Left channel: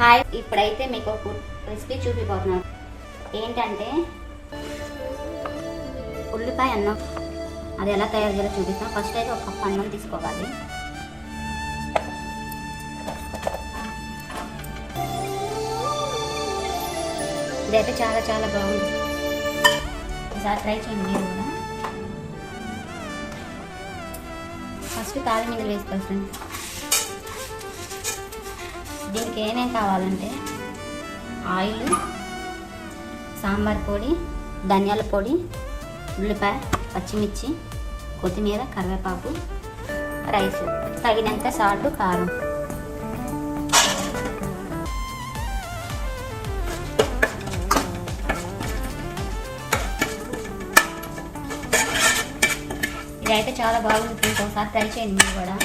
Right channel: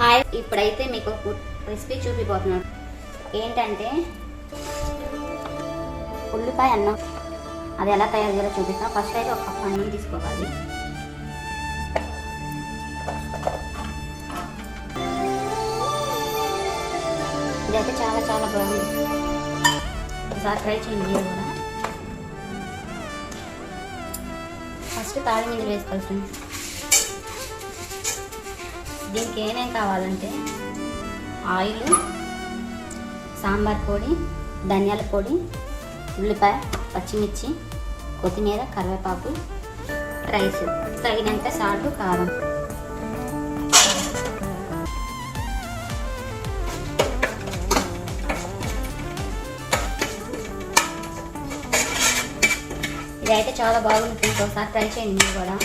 Hi, ఇప్పుడైతే మీకు recipe చూపిపోతున్నాను. ఏంటంటే ఉల్లిపాయ అన్నం. అది ఎలా తయారు చేయాలో చూపిస్తాను. ఫస్ట్ అయితే ఒక కప్పు అన్నం తీసుకోవాలి. ఇదైతే చాలా చాలా బాగుంది. ఒకసారి ట్రై చేయండి మీరు కూడా. ఫస్ట్ తాలింపు వేసుకోవాలి ఫ్రెండ్స్. దీనికి ఏమేమి కావాలంటే ఆయిల్, సాంబార్ పొడి, ధనియాల పొడి, ఉల్లిపాయ, పచ్చిమిర్చి, కొత్తిమీర, కరివేపాకు, రైస్, తగినంత సాల్ట్, కారం. ఇదైతే చాలా బాగుంటుంది. ఒకసారి ట్రై చేయండి మీరు కూడా.